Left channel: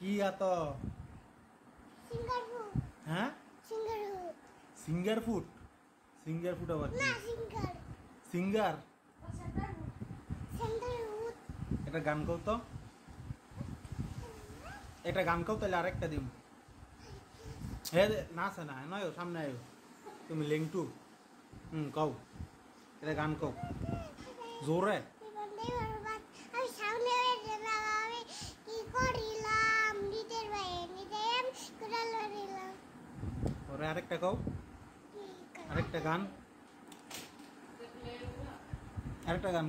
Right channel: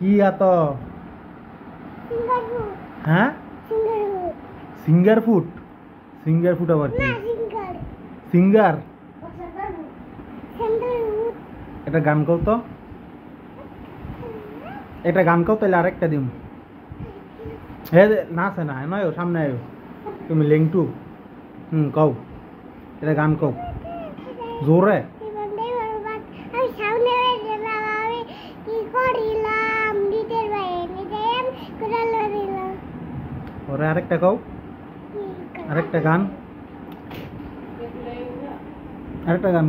কি এত singer food হ্যাঁ সিঙ্গার ফুড সিঙ্গার ফুড আবার কি না সিঙ্গার সিঙ্গার সিঙ্গার ফুড এটা গান কও তো এটা গান কও তাহলে আরেকটা দিম হে না আছে না নয় সামনে আয়ো তুমি লিঙ্কটু কও এটা গান কও জোরে আমি সামনে আমি কি করিলাম নিজের ভাই নিজের করে লড়িলাম ওরে আরেকটা কও আরেকটা গান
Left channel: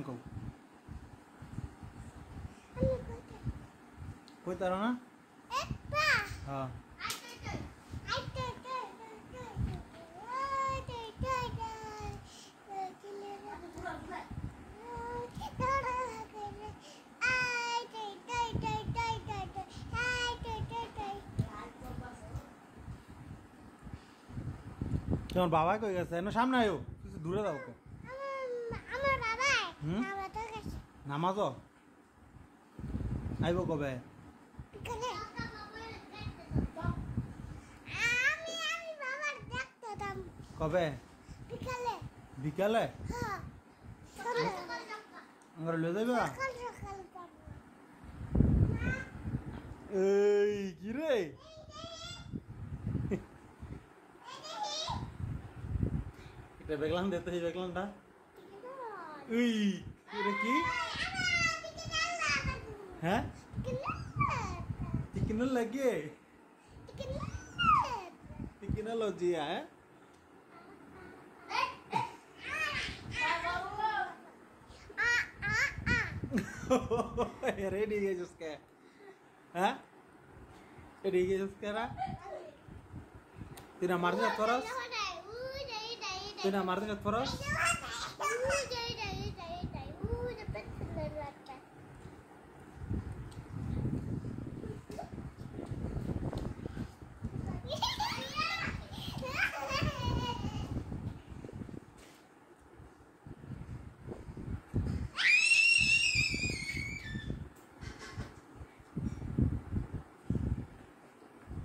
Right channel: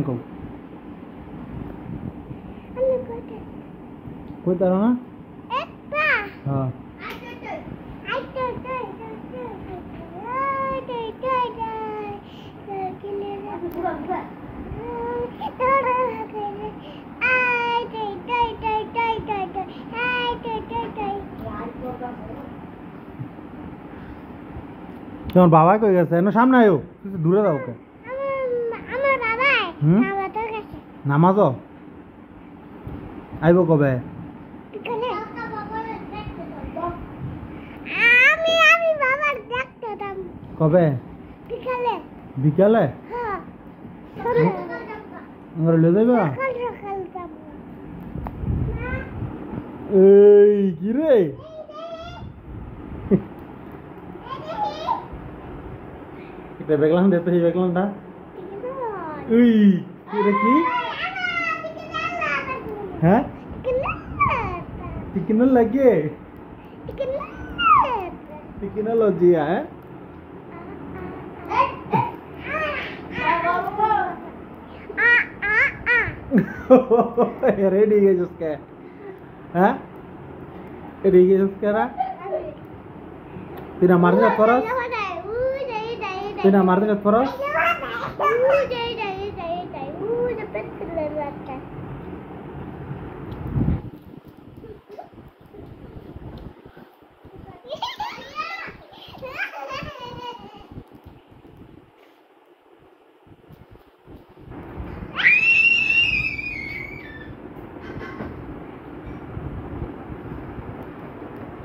কও আমি কইতে কই তার না একটা হ্যাঁ তোমার বাবা কই গেছে না সামনে আয়ো দূরে যাও ওকে আমার বাবা আমাদের কাছে নামাজ আইব কবে আমি বাবার দেখতাম কবে বিকালে বিকালে হ্যাঁ আমরা লয়ে যাইবা সকাল সকাল যাবো এই কি রে এটা বেগলাম দে তো এই বেগলামটা এই এটা কি হ্যাঁ টিকিনো লাগে টিকিনোলজি হ্যাঁ रेडी है जिसका हैं रेडी है जिसका ना तीन मारने का फरस तीन मारने का फरस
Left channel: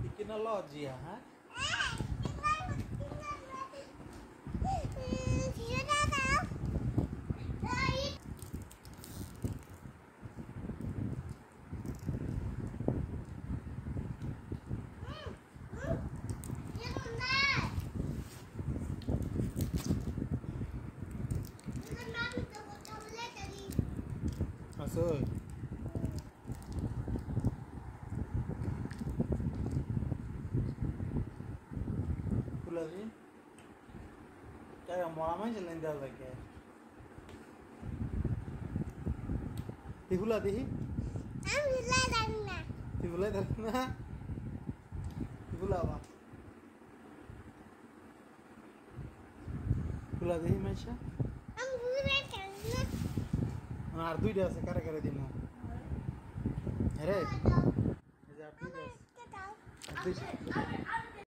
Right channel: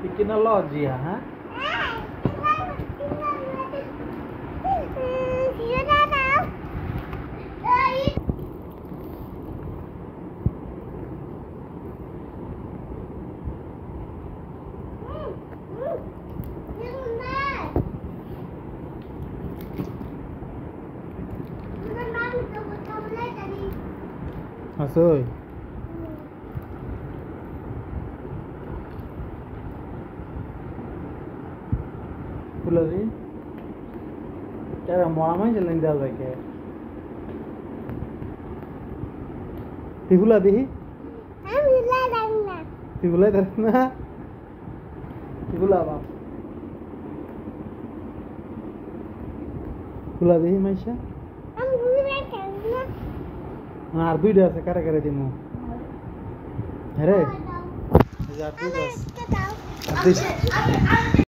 टिकिनोलॉजी है আসল ফুলাদি क्या मोड़ा में चलें दिया जाए क्या तिफुला दी तिफुला करना तिफुला बाप ফুলা दी माइशा আর দুইটা আছে কারে কারে দিমু আরে এই যে আর দুইটা আছে